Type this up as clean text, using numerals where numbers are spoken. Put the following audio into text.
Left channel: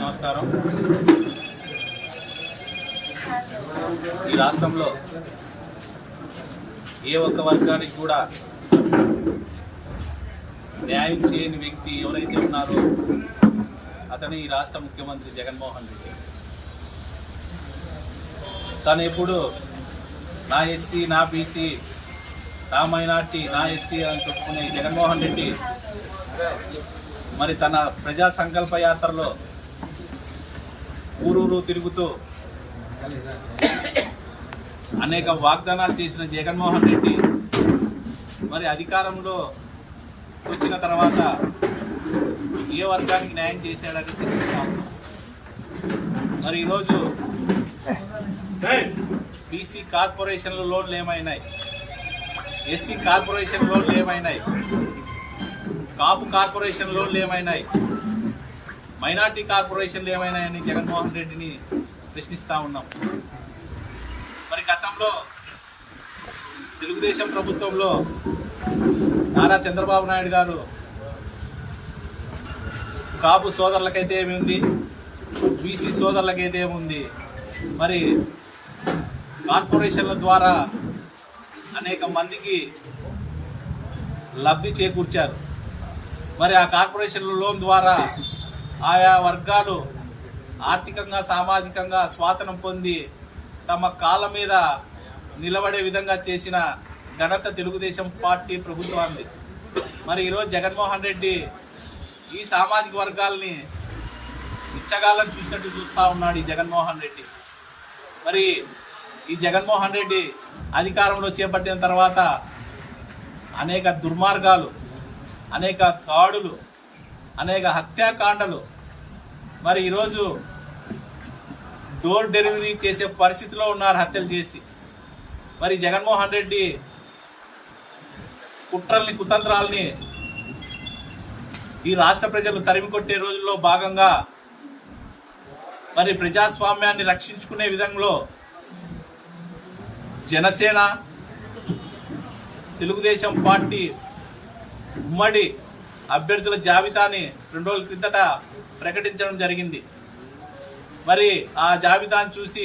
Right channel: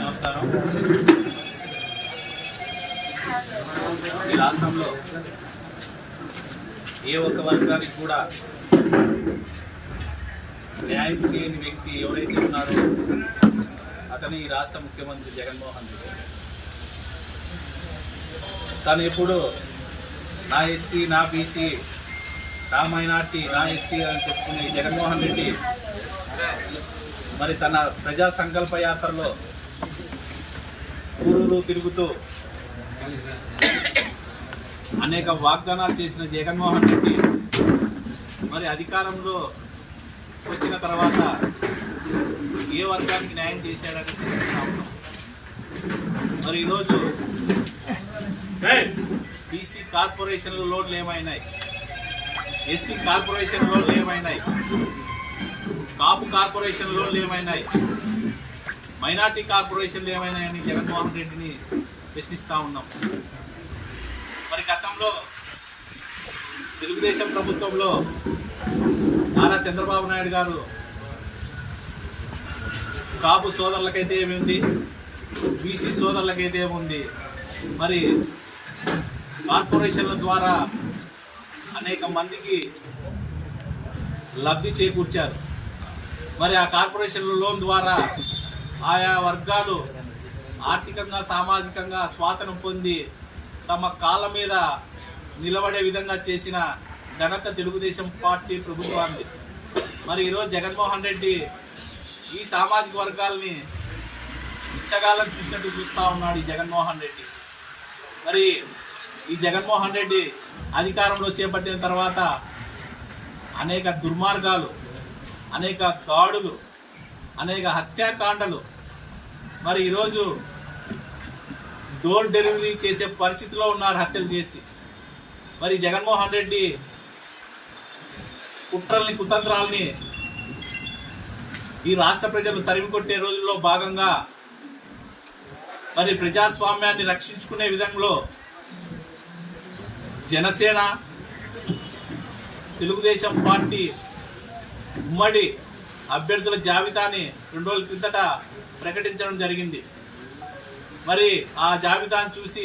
నమస్కారం. ఈ రాష్ట్రంలో ఏ ఒక్క వర్గానికి కూడా న్యాయం చేయని వ్యక్తి ఎవరైతే ఉన్నారో అతను ఈ రాష్ట్ర ముఖ్యమంత్రి జగన్మోహన్ రెడ్డి. తను ఎప్పుడు నా ఎస్సీ, నా బీసీ, నా మైనార్టీ, నా ఎస్టీ అని చెప్పుకునే జగన్మోహన్ రెడ్డి మరి తన ప్రజా సంకల్ప యాత్రలో ఊరూరు తిరుగుతూ అనేక వాగ్దానాలు చేసిన జగన్మోహన్ రెడ్డి మరి అధికారంలో వచ్చిన తర్వాత ఏ వర్గానికి న్యాయం చేశాడని తెలుస్తా ఉన్నాం. మరి ఈరోజు బీసీ కార్పొరేషన్ల లోన్లు ఏమైనాయి, ఎస్సీ కార్పొరేషన్ లోన్లు ఏమైనాయి, కాపు కార్పొరేషన్ లోన్లు ఏమైనాయి, మైనార్టీ కార్పొరేషన్లు ఏమైనాయని జగన్మోహన్ రెడ్డిని ప్రశ్నిస్తూ ఉన్నాం. మరి గతంలో తెలుగుదేశం ప్రభుత్వంలో నారా చంద్రబాబు నాయుడు గారు కాపు సోదరులకైతే ఏముంది, బీసీ సోదరులకైతే ఏముంది, మరి కార్పొరేషన్ల ద్వారా అనేక మందికి లబ్ధి చేకూర్చారు. మరి ఆ కార్పొరేషన్ల లోన్ ద్వారా ఆయా వర్గాలు ఆర్థికంగా, సామాజికంగా స్వాతంత్రం పొంది తమ కాళ్ళ మీద నిలబడే విధంగా చేసిన ఘనత తెలుగుదేశం పార్టీ ప్రభుత్వాన్ని. మరి ఈరోజు జగన్మోహన్ రెడ్డి ఈ సామాజిక వర్గాల్ని ఇచ్చగాళ్ళని చూసినట్టు చూస్తూ ఉన్నాడు ఈ జగన్మోహన్ రెడ్డి. మరి ఈ జగన్మోహన్ రెడ్డి అధికారంలో చేపట్టిన తర్వాత అనేక దుర్మార్గాలు, అనేక దాడులు, అనేక హత్యాకాండలు, మరి ఈరోజు డోర్ డెలివరీ చేసే పరిస్థితిలో ఉన్నారు హత్యలు చేసి. మరి జగన్మోహన్ రెడ్డి కుట్రల్ని, కుతంత్రాలని ఈ రాష్ట్ర ప్రజలు తరిమి కొట్టే రోజుల్లో భాగంగా మరి ప్రజాస్వామ్యాన్ని రక్షించుకునే విధంలో జనసేన, తెలుగుదేశం పార్టీ ఉమ్మడి అభ్యర్థుల జాబితాని 2 రోజుల క్రిందట ప్రకటించడం జరిగింది. మరి ఆ జాబితాను చూసి